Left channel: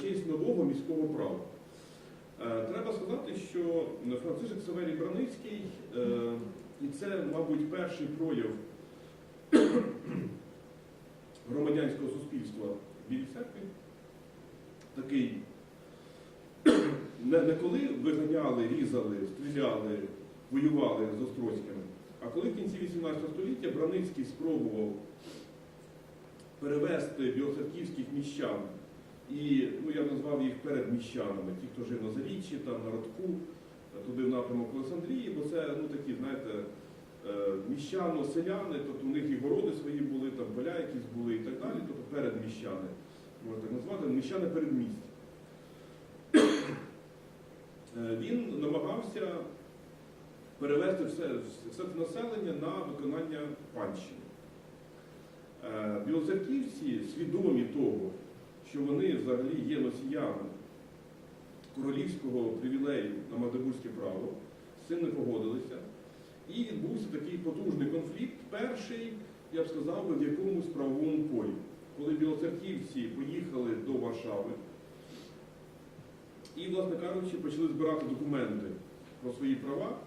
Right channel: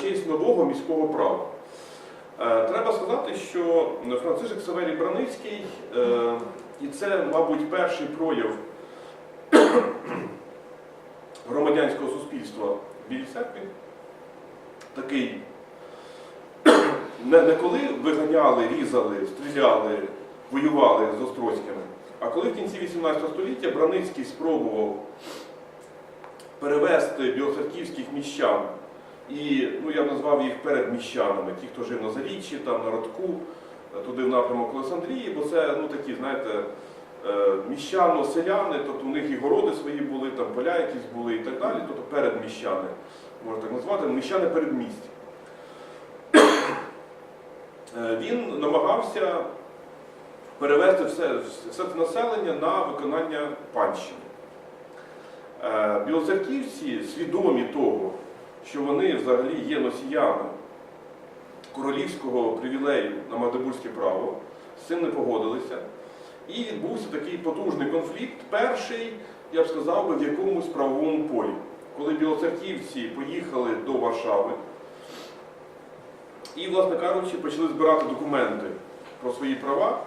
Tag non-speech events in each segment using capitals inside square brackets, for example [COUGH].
честь нового міського права. Е, Треба сказати, що Францишек Саверій Браницький, е, і це, мабуть, перший прояв [COUGHS] громадянського суспільства в Білій церкві, такий, [COUGHS] не, не коли виганяли, різали, стріляли, воювали з Острозькими, а коли в кінці 18 століття Браницький спробував перевести білоцерківських міщан і ну, я назвав їх передміщанами, ті, хто жив на Заріччі, там на Родку, е, туди в напрямок Олександрії, бо це ну, такі, знаєте, е, міщано-селяни, тобто у них і городи свої були, там поля якісь були і так далі, тобто передміщани, можна так назвати, міщани передмість. Е, Він намагався перевести все, все це населення на виконання панщини. Білоцерківці свідомі того, що вони взагалі є носіями королівського привілею на Магдебурзьке право, з цим не погодилися. І відбувся такий потужний конфлікт, перший, я б сказав би, в якомусь правовому полі. Коли білоцерківці поїхали до Варшави і, власне кажучи, почали збирати документи про свої права,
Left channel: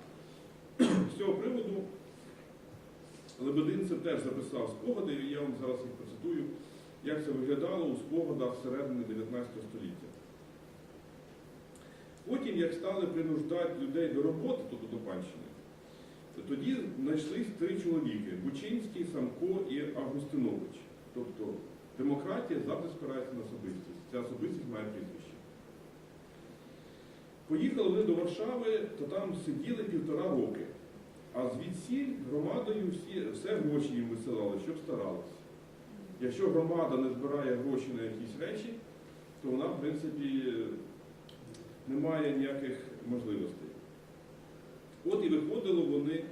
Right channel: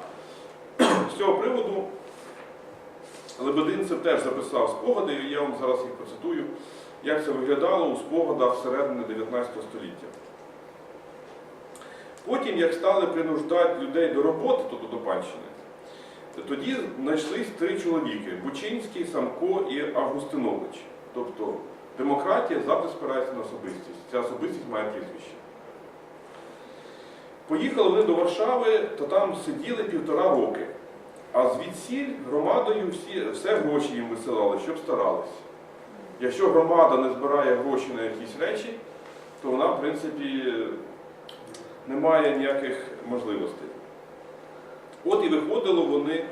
з цього приводу Лебединцев теж записав спогади, я вам зараз їх процитую як це виглядало у спогадах середини 19 століття. Потім, як стали принуждати людей до роботи, тобто до панщини, тоді знайшлись три чоловіки Бучинський, Самко і Августинович. Тобто демократія завжди спирається на особистість. Ця особистість має прізвище. Поїхали вони до Варшави, то там сиділи півтора роки. А звідсіль громадою всі, все гроші їм висилали, щоб старались. Якщо громада не збирає гроші на якісь речі, то вона, в принципі, не має ніяких можливостей. От і виходили вони,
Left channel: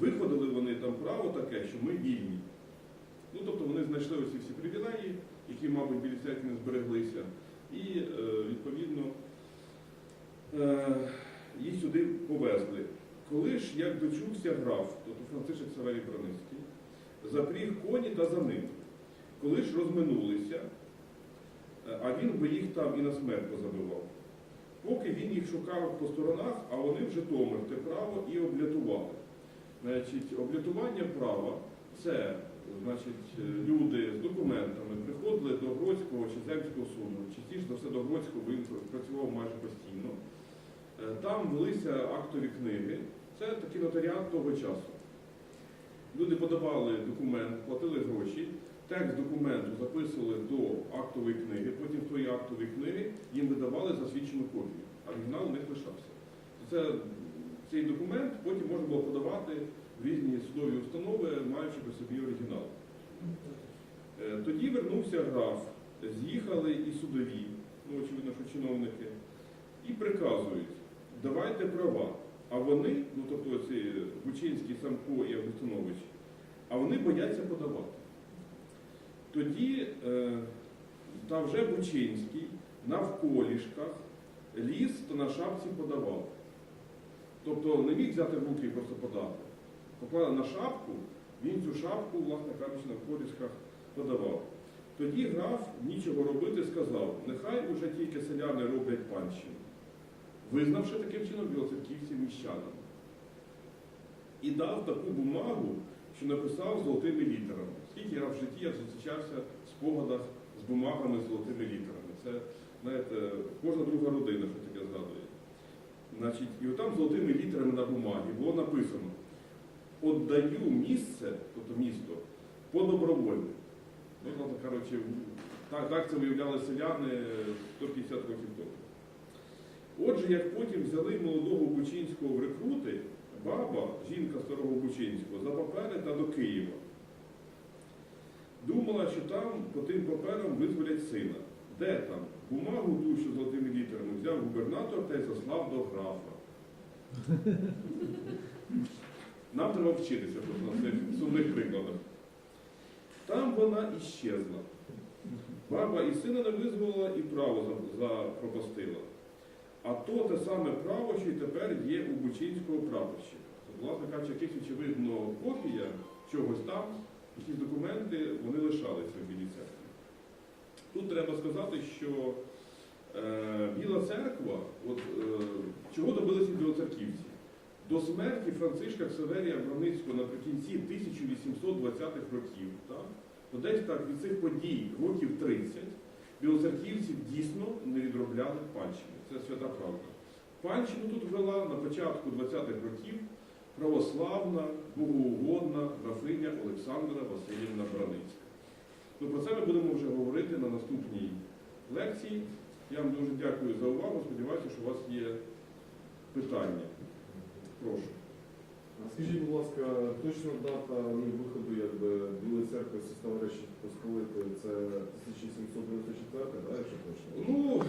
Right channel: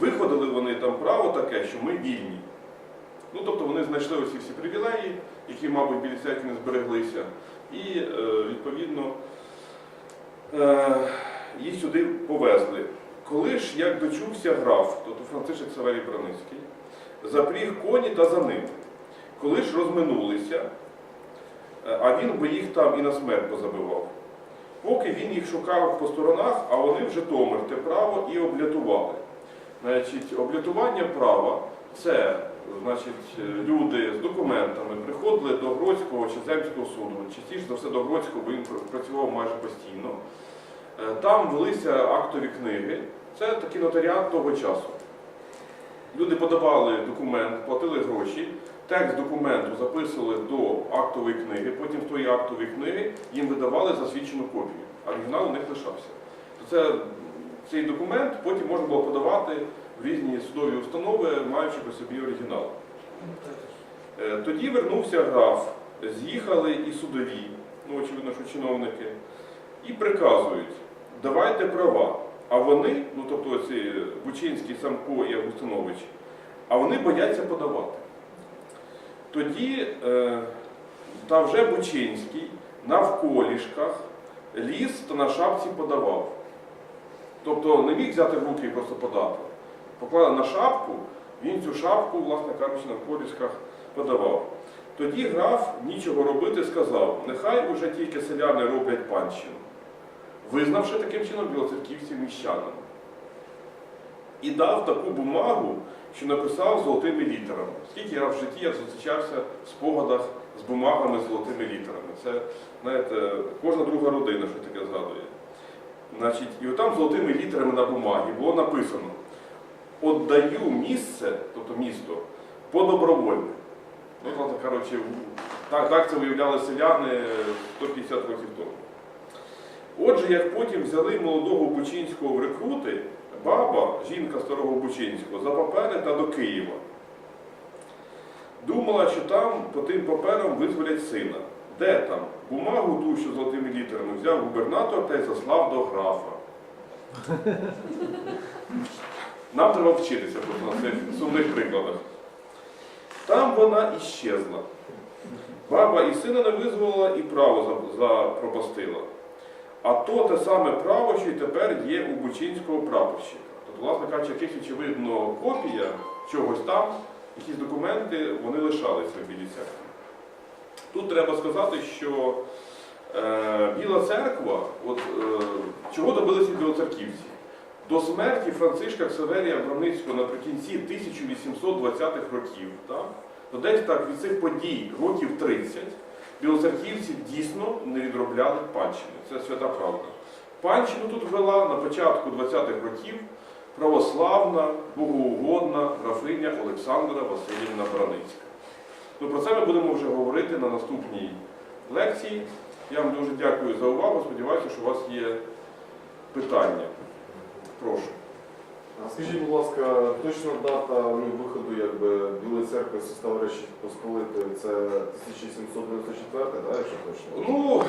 виходили вони там право таке, що ми вільні. Ну, тобто вони знайшли оці всі привілеї, які, мабуть, білі церкві не збереглися, і, е, відповідно, е, їх сюди повезли. Коли ж, як дочувся граф, тобто Францишек Саверій Браницький, запріг коні та за ним. Коли ж розминулися, е, а він би їх там і на смерть позабивав. Поки він їх шукав по сторонах, а вони в Житомир те право і облятували. Значить, облятування права це значить, е, люди з документами приходили до Гродського чи Земського суду, частіше за все до Гродського, бо він працював майже постійно. Е, Там велися актові книги. Це такий нотаріат того часу. Люди подавали документ, платили гроші, текст документу записували до актової книги, потім з тої актової книги їм видавали засвідчену копію, оригінал у них лишався. То це, цей документ потім можна було подавати в різні судові установи, маючи при собі оригінал. Е, Тоді вернувся граф, з'їхали і судові, ну очевидно, що чиновники, і приказують, давайте права. А вони, ну тобто ці Бучинський, Самко і Августинович, а вони бояться подавати. Тоді е, та вже Бучинський навколішках ліс та на шапці подавав. Тобто не міг взяти в руки і просто подати. Поклали на шапку, він цю шапку, власне кажучи, на колішках подавав. Тоді граф нічого робити сказав, нехай уже тільки селяни роблять панщину, визнавши таким чином білоцерківців міщанами. І дав таку бумагу, що написав золотими літерами. Скільки я в житті я зустрічався в спогадах з бумагами з золотими літерами. Це, знаєте, кожна друга родина, що таке згадує. Значить, і отам золотими літерами на бумагі було написано: Отдаю місце, тобто місто, по добровольне. Ну, так, так це виявляли селяни 150 років тому. Отже, як потім взяли молодого Бучинського в рекрути, баба, жінка старого Бучинського, за папери та до Києва. Думала, що там по тим паперам визволять сина. Де там? Бумагу ту, що золотими літерами взяв губернатор та й заслав до графа. Нам треба вчитися просто на цих сумних прикладах. Там вона іщезла. Баба і сина не визволила, і право за- запропастила. А то те саме право, що й тепер є у Бучинського прапорщика. Тобто, власне кажучи, якась очевидно копія чогось там, якісь документи, вони лишалися в білій церкві. Тут треба сказати, що Е, Біла церква, от е, чого добилися білоцерківці? До смерті Францишка Ксаверія Браницького наприкінці 1820-х років, так? то десь так від цих подій років 30 білоцерківці дійсно не відробляли панщини. Це свята правда. Панщину тут вела на початку 20-х років православна, богоугодна графиня Олександра Васильівна Браницька. Ну, про це ми будемо вже говорити на наступній лекції. Я вам дуже дякую за увагу. Сподіваюся, що у вас є питання. Скажіть, будь ласка, точна дата ну, виходу якби, Білої церкви з составу Речі Посполити це 1794, да, якщо точно? Ну,